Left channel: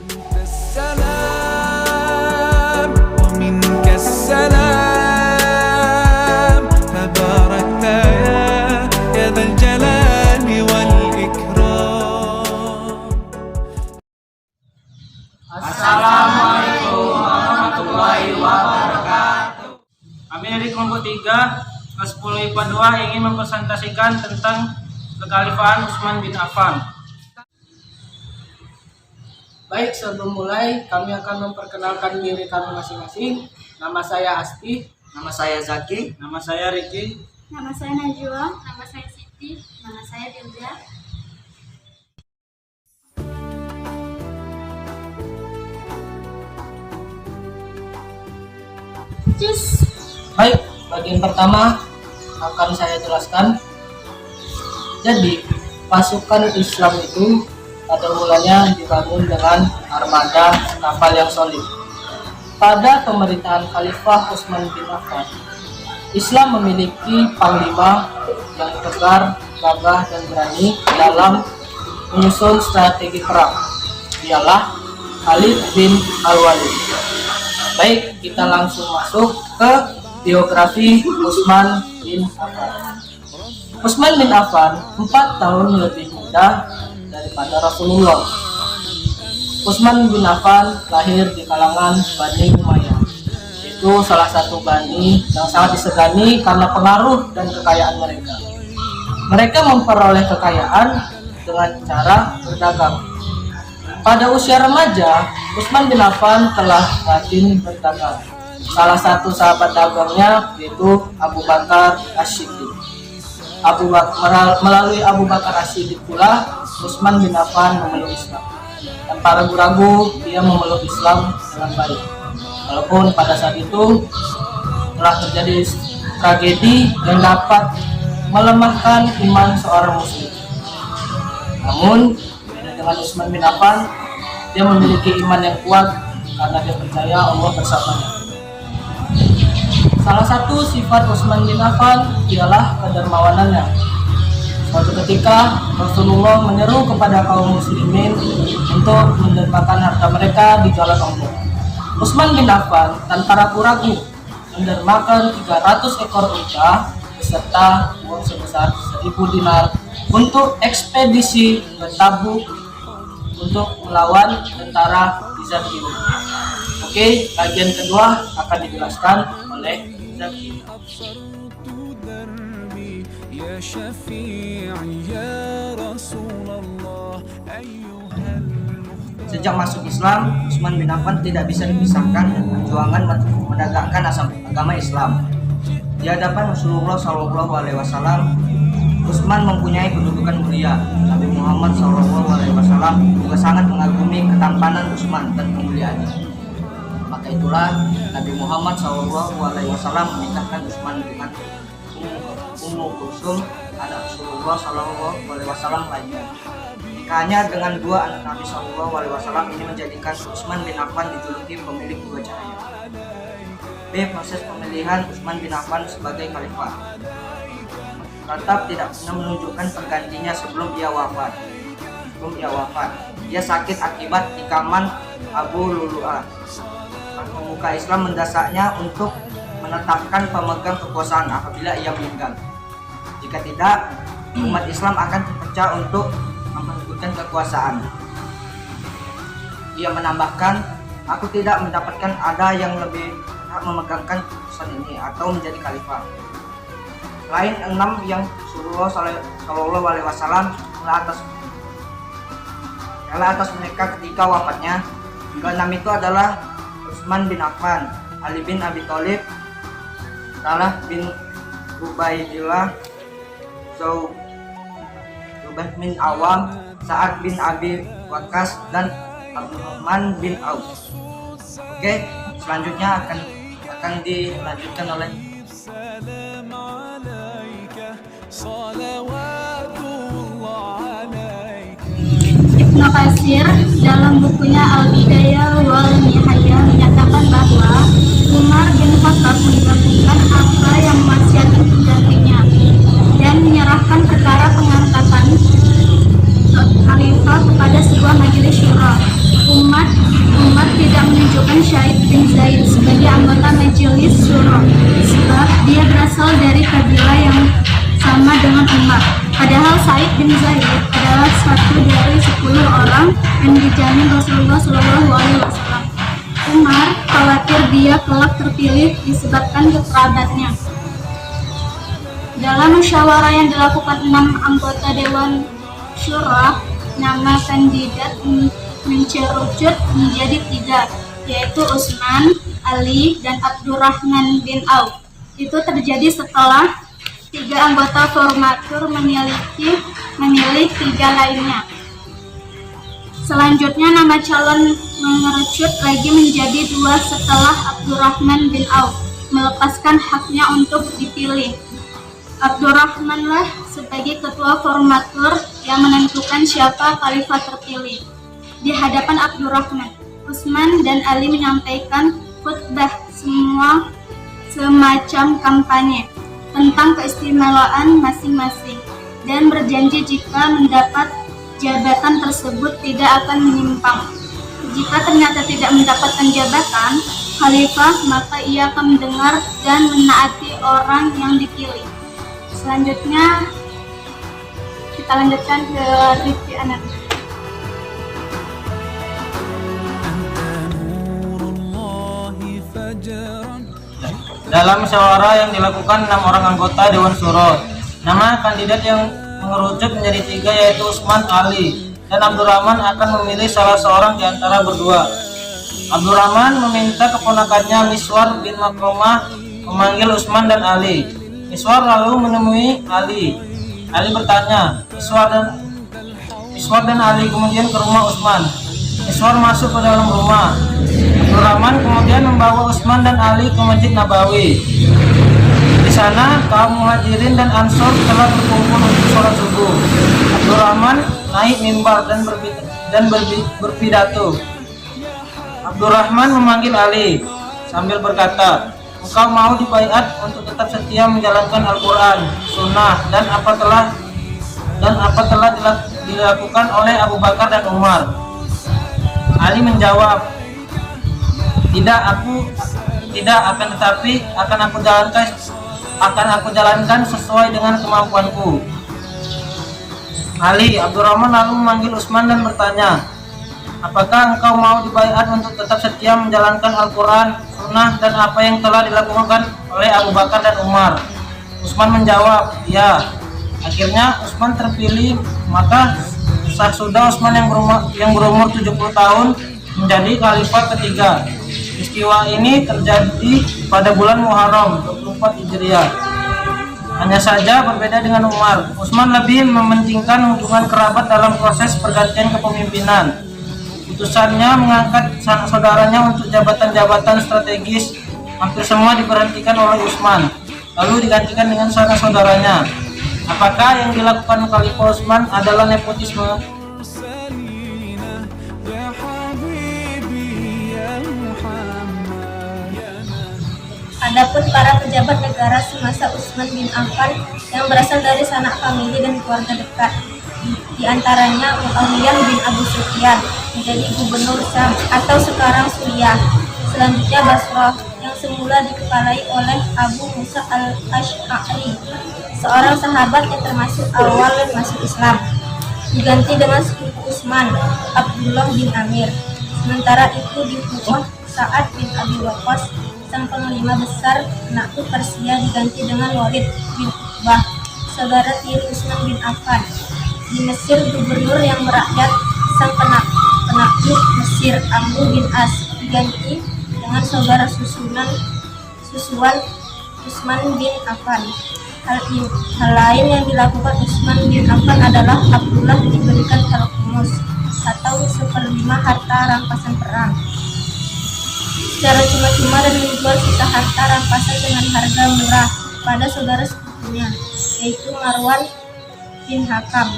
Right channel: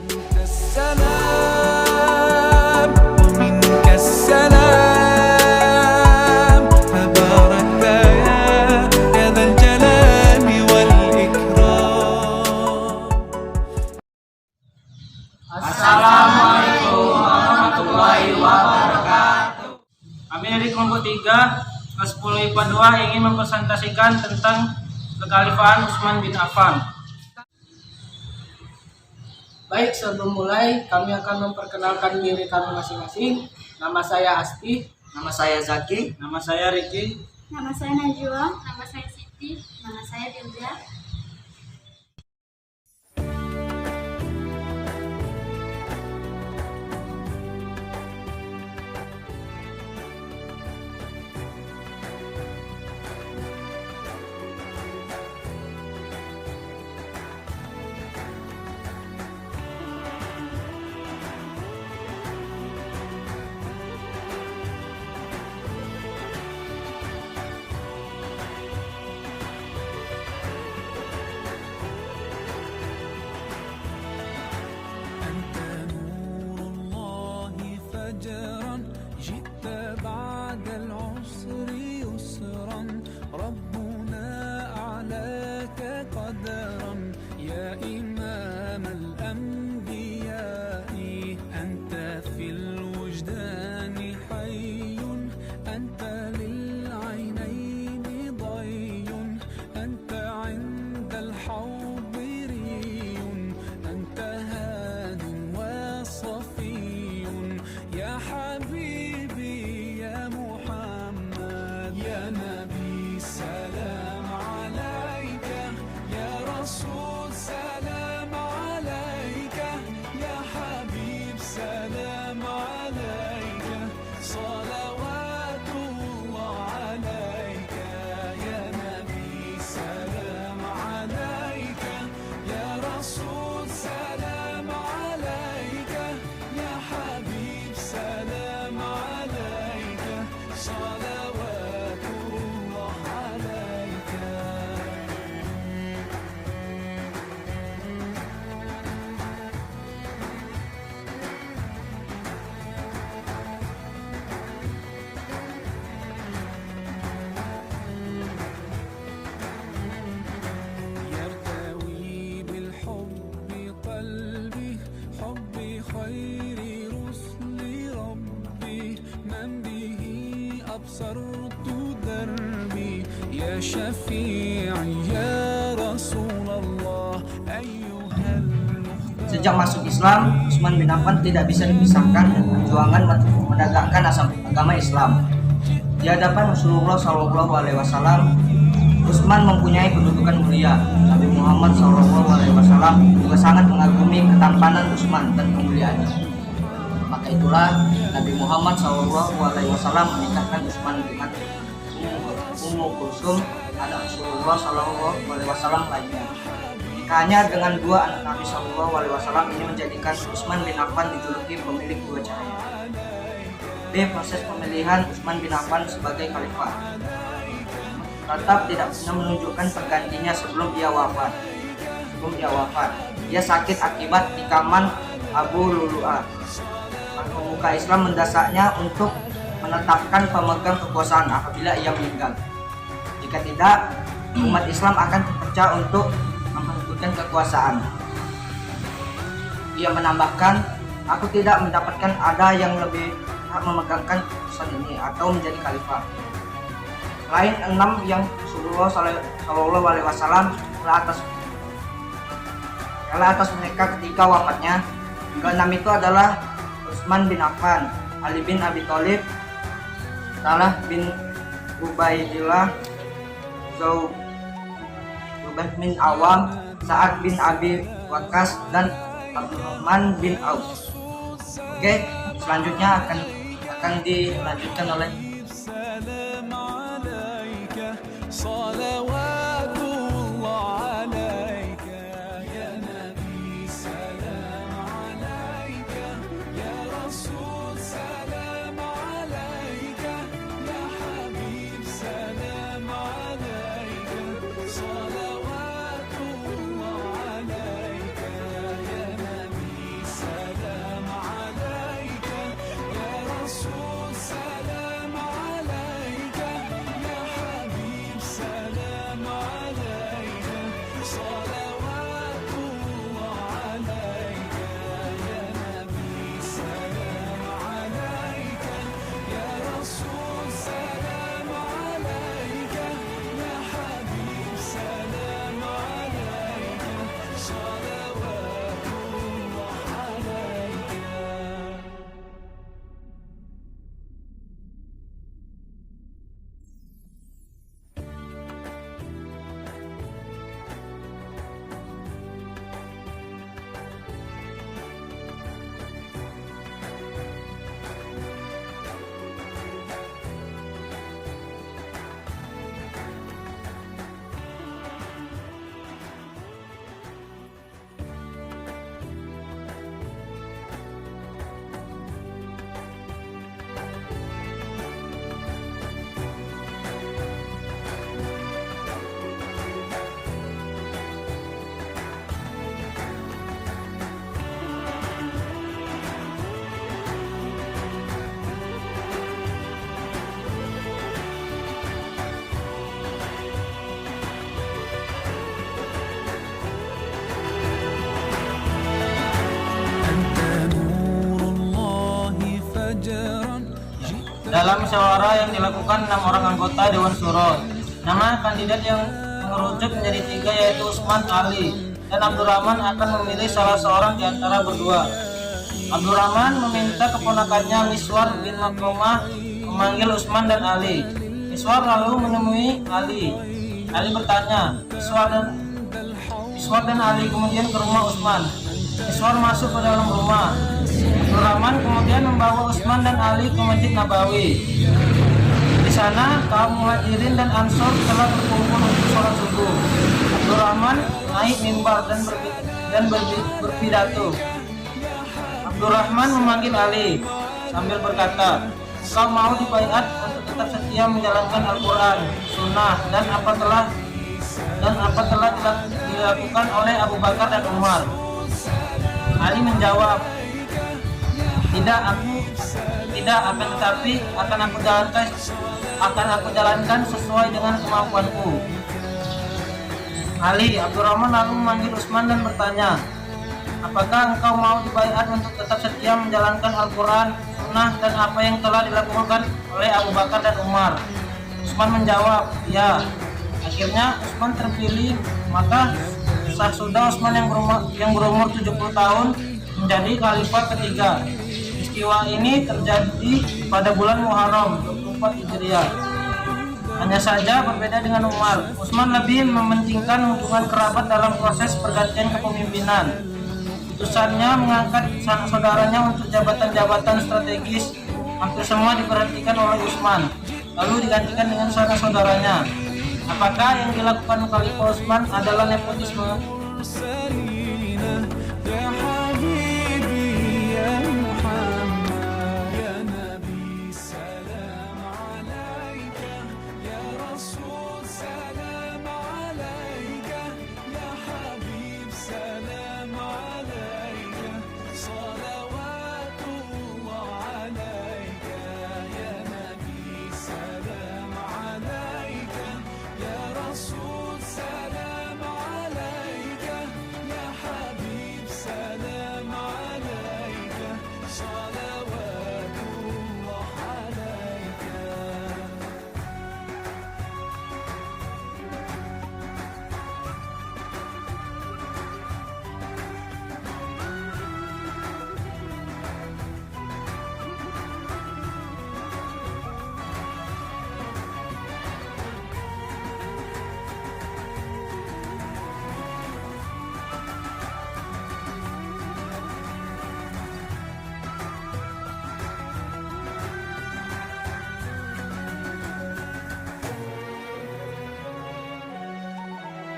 أنت السلام ومنك السلام تباركت يا ذا الجلال والإكرام. Assalamualaikum warahmatullahi wabarakatuh. Kami dari kelompok 3 kelas 10 IPA 2 ingin mempresentasikan tentang kekhalifahan Utsman bin Affan. Baik, sebelum mulai kami akan memperkenalkan diri kami masing-masing. Nama saya Asti. Nama saya Zaki. Nama saya Riki. Nama saya Najwa. Nama saya Siti. Nama saya Dilda. Cus. Baik, bagian pertama akan saya jelaskan. Jadi, pasukan Islam itu pada mulanya dibangun dengan armada kapal yang solid. Pada pemerintahan Khalifah Utsman bin Affan, Islam memiliki panglima yang tegar, gagah dan berani dalam menyusun strategi perang. Ialah Khalid bin Al-Walid. Baik, kita langsung masuk ke biografi Utsman bin Affan. Utsman bin Affan 4 tahun lebih muda daripada Rasulullah. Utsman bin Affan lahir di kalangan Bani Umayyah. Itu salah satu bani yang sangat disegani karena pengaruh dan kekayaan mereka. Mereka memperoleh kekayaan dengan cara berdagang. Pada usia remaja, Utsman bin Affan telah rajin berdagang. Salah satu sahabat dagangnya yaitu Abu Bakar As-Siddiq. Melalui Abu Bakar As-Siddiq pula Utsman bin Affan memeluk Islam. Tanpa ragu-ragu dia memeluk Islam dengan baik. Walaupun pada saat itu telah terjadi tragedi yang dapat melemahkan iman seorang muslim. Namun dengan Utsman bin Affan, dia memiliki iman yang kuat karena dia percaya Allah bersamanya. Salah satu sifat Utsman bin Affan ialah kedermawanannya. Suatu ketika Rasulullah menyeru kepada kaum muslimin untuk mendermakan harta mereka di jalan Allah. Utsman bin Affan tanpa ragu-ragu mendermakan 300 ekor unta beserta uang sebesar 1000 dinar untuk ekspedisi ke Tabuk untuk melawan tentara Bizantium. Oke, bagian kedua akan dijelaskan oleh Zaki. Sejak masuk Islam, Utsman bin Affan tidak bisa dipisahkan dengan perjuangan menegakkan agama Islam. Di hadapan Rasulullah SAW, Utsman mempunyai kedudukan mulia. Nabi Muhammad SAW juga sangat mengagumi ketampanan Utsman dan kemuliaannya. Maka itulah Nabi Muhammad SAW menikahkan Utsman dengan Ummu Kulsum, anak Rasulullah SAW lainnya. Nikahnya dengan dua anak Nabi SAW ini menjadikan Utsman bin Affan dijuluki pemilik dua cahaya. B. Proses pemilihan Utsman bin Affan sebagai khalifah. Tetap tidak pernah menunjukkan penggantinya sebelum ia wafat. Ia sakit akibat tikaman Abu Lulu'ah. Pemuka Islam mendasaknya untuk menetapkan pemegang kekuasaan apabila ia meninggal. Jika tidak, umat Islam akan terpecah untuk memperebutkan kekuasaan. Ia menambahkan, aku tidak mendapatkan ada yang lebih hak memegangkan keputusan ini atau menjadi khalifah. Selain 6 yang Rasulullah SAW telah atas mereka ketika wafatnya, ke-6 itu adalah Utsman bin Affan, Ali bin Abi Thalib, Talha bin Ubaidillah, Zubair bin Awam, Sa'ad bin Abi Waqqas, dan Abdurrahman bin Auf. Oke, selanjutnya akan dilanjutkan oleh Ibnu Katsir dalam bukunya Al-Bidayah wal Nihayah menyatakan bahwa Umar bin Khattab melakukan apa yang memaksiatkan penggantinya dan menyerahkan perkara pengangkatan khalifah kepada sebuah majelis syura. Umat Syahid bin Zaid sebagai anggota Majelis Syuro sebab dia berasal dari kabilah yang sama dengan Umar. Padahal Sa'id bin Zaid adalah satu dari 10 orang yang dijamin Rasulullah SAW. Umar khawatir dia kelak terpilih disebabkan kekerabatnya. Dalam musyawarah yang dilakukan 6 anggota Dewan Syura, nama kandidat mengerucut menjadi 3, yaitu Utsman, Ali, dan Abdurrahman bin Auf. Itu terjadi setelah 3 anggota formatur memilih 3 lainnya. Selanjutnya nama calon mengerucut lagi menjadi 2 setelah Abdurrahman bin Auf melepaskan haknya untuk dipilih. Abdurrahmanlah sebagai ketua formatur yang menentukan siapa khalifah terpilih. Di hadapan Abdurrahman, Utsman dan Ali menyampaikan khutbah semacam kampanye tentang keistimewaan masing-masing dan berjanji jika mendapat jabatan tersebut tidak akan menyimpang. Jika ternyata tidak mendapatkan jabatan khalifah, maka ia akan mendengar dan menaati orang yang dipilih. Selanjutnya kita lanjutkan ke Rifki Anak. أنت نور الله فجرا Dalam musyawarah yang dilakukan 6 orang anggota Dewan Syuro, nama kandidat yang mengerucut menjadi 3 yaitu Utsman, Ali, dan Abdurrahman akan memilih salah seorang di antara berdua. Abdurrahman meminta keponakannya Miswar bin Makromah memanggil Utsman dan Ali. Miswar lalu menemui Ali. Ali bertanya, Miswar dan Ali kemudian ke rumah Utsman. Miswar masuk ke dalam rumah. Abdurrahman kemudian membawa Utsman dan Ali ke Masjid Nabawi. Di sana kaum Muhajirin dan Ansor telah berkumpul untuk sholat subuh. Abdurrahman naik mimbar dan berpidato. Abdurrahman memanggil Ali sambil berkata, "Engkau mau dibaiat untuk tetap setia menjalankan Al-Quran, Sunnah, dan apa telah dilakukan oleh Abu Bakar dan Umar?" Ali menjawab, tidak, akan tetapi akan aku jalankan sesuai dengan kemampuanku. Abdurrahman lalu memanggil Utsman dan bertanya, "Apakah engkau mau dibaiat untuk tetap setia menjalankan Al-Quran, Sunnah, dan apa yang telah dilakukan oleh Abu Bakar dan Umar?" Utsman menjawab, "Ya." Akhirnya Utsman terpilih, maka sudah Utsman yang berumur 70 tahun menjadi khalifah ketiga. Peristiwa ini terjadi pada bulan Muharram 24 Hijriah. Hanya saja berbeda dengan Umar, Utsman lebih mementingkan hubungan kerabat dalam proses pergantian kepemimpinan. Putusannya mengangkat sanak saudaranya untuk jabatan-jabatan strategis hampir semua diberhentikan oleh Utsman, lalu digantikan dengan sanak saudaranya. Apakah yang dilakukan Khalifah Utsman adalah nepotisme? سلينا يا حبيبي يا محمد يا نبي. Adapun para pejabat negara semasa Utsman bin Affan yang berasal dari sanak famili dan keluarga dekat, di antaranya Muawiyah bin Abu Sufyan menjadi gubernur Syam atau sekarang Suriah. Selanjutnya Basrah yang semula dikepalai oleh Abu Musa al-Asy'ari, seorang sahabat yang termasuk awal masuk Islam, diganti dengan sepupu Utsman, Abdullah bin Amir. Sementara itu di Kufah, Sa'ad bin Abi Waqqas, sang panglima besar Nakhu Persia, diganti dengan Walid bin Uqbah, saudara tiri Utsman bin Affan. Di Mesir, gubernur yang merakyat, sang penakluk Mesir Amr bin As, diganti dengan saudara susuan Utsman bin Affan. Hal lain yang dilakukan Utsman bin Affan adalah Abdullah diberikan al-Qumus atau 1/5 harta rampasan perang secara cuma-cuma dan menjual sisa harta rampasan dengan harga murah pada saudara sepupunya, yaitu Marwan bin Hakam.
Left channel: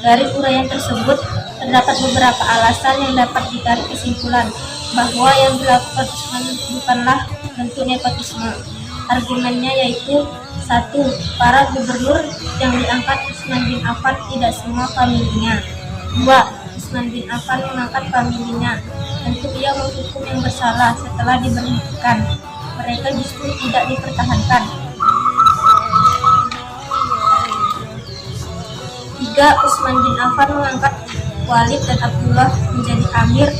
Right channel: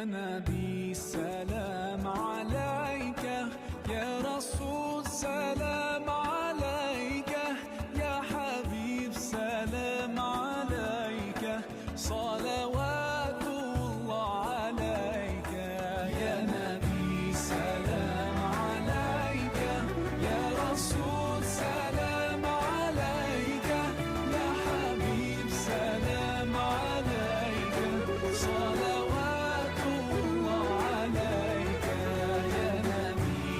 Dari uraian tersebut terdapat beberapa alasan yang dapat ditarik kesimpulan bahwa yang dilakukan Utsman bukanlah bentuk nepotisme. Argumennya yaitu: 1. Para gubernur yang diangkat Utsman bin Affan tidak semua familinya. 2. Utsman bin Affan mengangkat familinya untuk ia menghukum yang bersalah setelah diberhentikan. Mereka justru tidak dipertahankan. 3. Utsman bin Affan mengangkat Walid dan Abdullah menjadi amir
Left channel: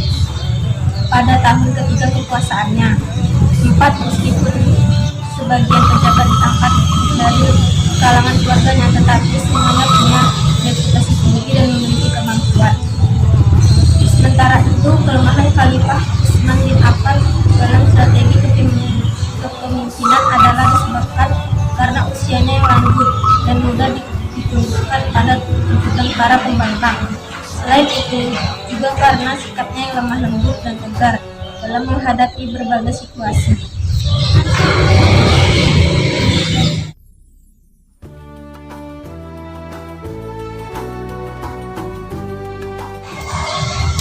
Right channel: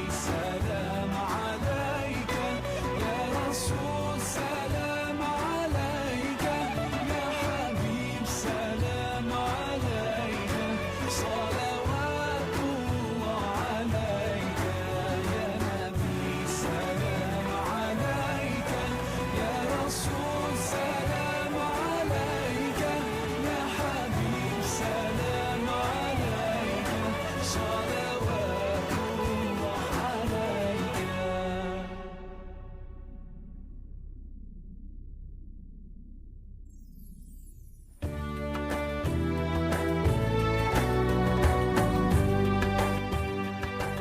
pada tahun ketiga kekuasaannya. 4. Meskipun sebagian pejabat diangkat dari kalangan keluarganya, tetapi semuanya punya reputasi sendiri dan memiliki kemampuan. Sementara itu, kelemahan Khalifah Utsman bin Affan dalam strategi kepemimpinan adalah disebabkan karena usianya yang lanjut dan mudah ditundukkan pada tuntutan para pembangkang. Selain itu, juga karena sikapnya yang lemah lembut dan tegar dalam menghadapi berbagai situasi.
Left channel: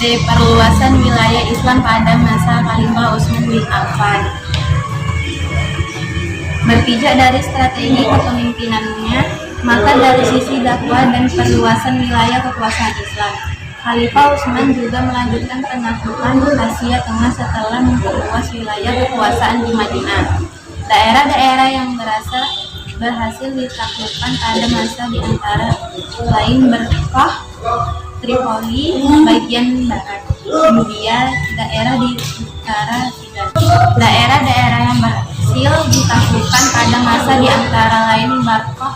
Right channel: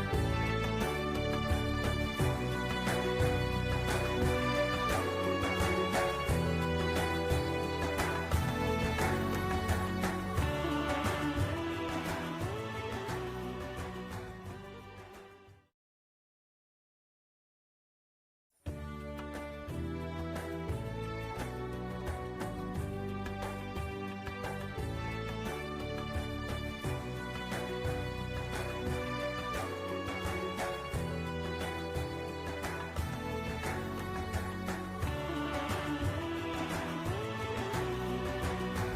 Perluasan wilayah Islam pada masa Khalifah Utsman bin Affan. Berpijak dari strategi kepemimpinannya, maka dari sisi dakwah dan perluasan wilayah kekuasaan Islam, Khalifah Utsman juga melanjutkan penaklukan Asia Tengah setelah memperluas wilayah kekuasaan di Madinah. Daerah-daerah yang berhasil ditaklukkan pada masa di antara lain Berkah, Tripoli bagian barat, kemudian daerah di utara Sudan. Daerah-daerah yang berhasil ditaklukkan pada masa di antara lain Berkah,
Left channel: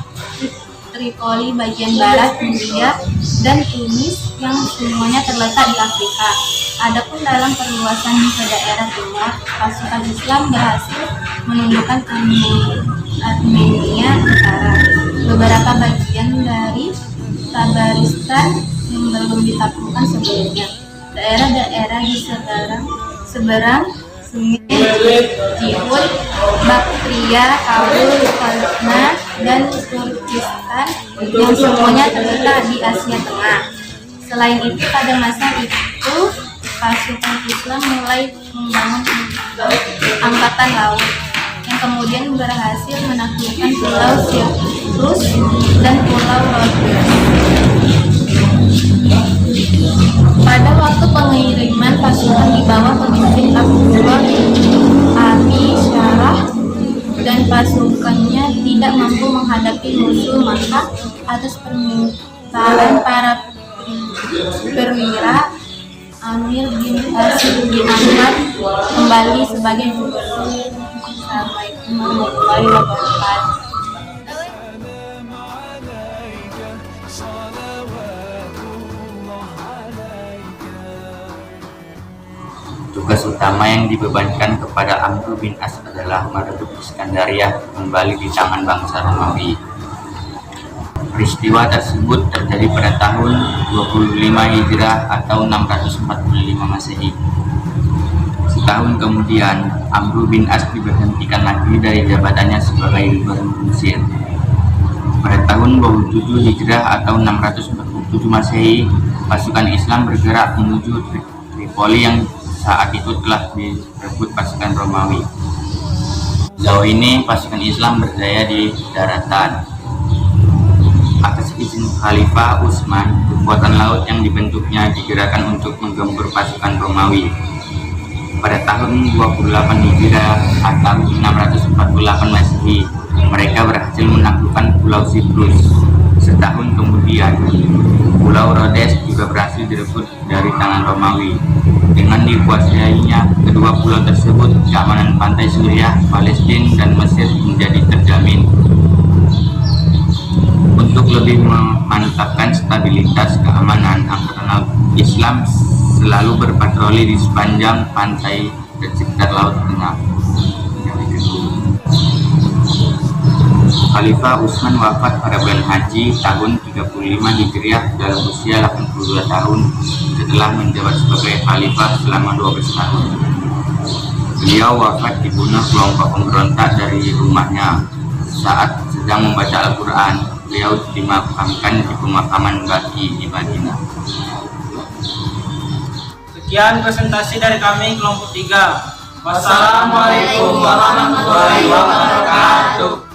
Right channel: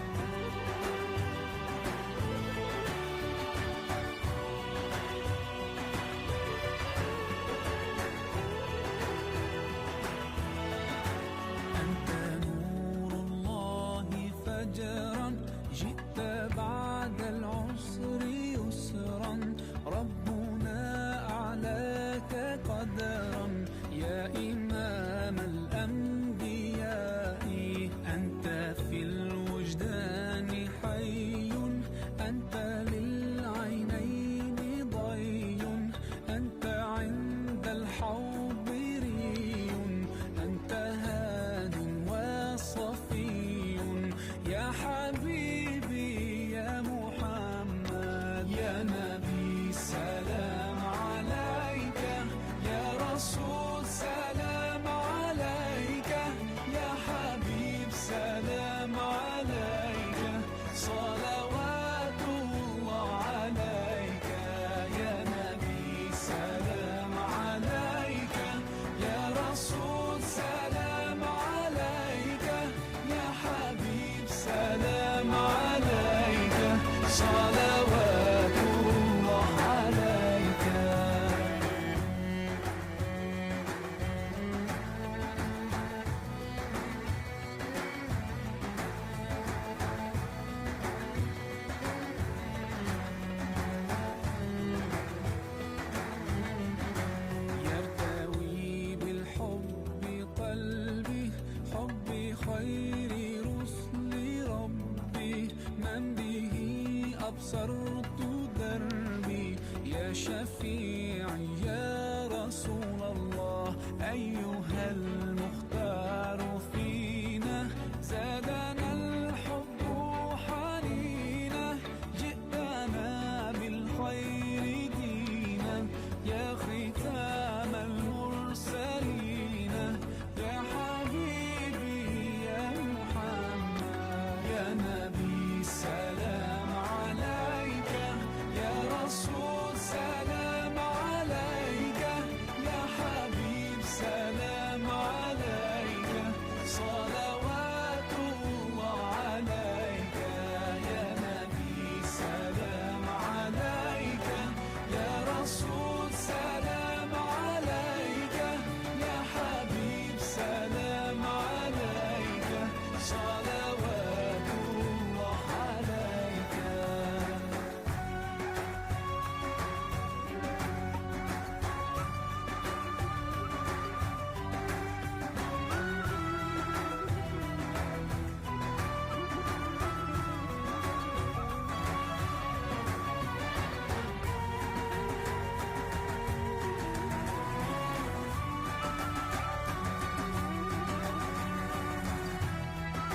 Tripoli bagian barat, Libya, dan Tunis yang semuanya terletak di Afrika. Adapun dalam perluasan ke daerah timur, pasukan Islam berhasil menundukkan Armenia Utara, beberapa bagian dari Tabaristan yang belum ditaklukkan sebelumnya, daerah-daerah di seberang Sungai Jihud, Baktria, Kabul, Kalna, dan Turkistan yang semuanya terletak di Asia Tengah. Selain itu, pada masa itu pasukan Islam mulai membangun angkatan laut yang kemudian berhasil menaklukkan Pulau Cyprus dan Pulau Rhodes. Pada waktu pengiriman pasukan di bawah pemimpin Abdullah Abi Syarah dan pasukannya tidak mampu menghadapi musuh, maka atas permintaan para perwira, Amir bin Qasim diangkat kembali sebagai gubernur. Assalamualaikum warahmatullahi wabarakatuh. السلام عليك صلوات الله عليك. Tugas utama yang dibebankan kepada Amr bin As adalah merebut Iskandaria kembali di tangan bangsa Romawi. Peristiwa tersebut terjadi pada tahun 25 Hijrah atau 645 Masehi. Setahun kemudian, Amr bin As diberhentikan lagi dari jabatannya sebagai gubernur Mesir. Pada tahun 27 Hijrah atau 647 Masehi, pasukan Islam bergerak menuju Tripoli yang saat itu telah direbut pasukan Romawi. Sejauh ini pasukan Islam berdaya di daratan. Atas izin Khalifah Utsman, kekuatan laut yang dibentuknya digerakkan untuk menggempur pasukan Romawi. Pada tahun 28 Hijriah atau 648 Masehi, mereka berhasil menaklukkan Pulau Cyprus. Setahun kemudian, Pulau Rhodes juga berhasil direbut dari tangan Romawi. Dengan dikuasainya kedua pulau tersebut, keamanan pantai Suriah, Palestina, dan Mesir menjadi terjamin. Untuk lebih memantapkan stabilitas keamanan, Angkatan Laut Islam selalu berpatroli di sepanjang pantai dan sekitar Laut Tengah. Khalifah Utsman wafat pada bulan Haji tahun 35 Hijriah dalam usia 82 tahun setelah menjabat sebagai khalifah selama 12 tahun. Beliau wafat dibunuh kelompok pemberontak dari rumahnya saat sedang membaca Al-Quran. Beliau dimakamkan di pemakaman Baqi di Madinah. Sekian presentasi dari kami kelompok 3. Wassalamualaikum warahmatullahi wabarakatuh.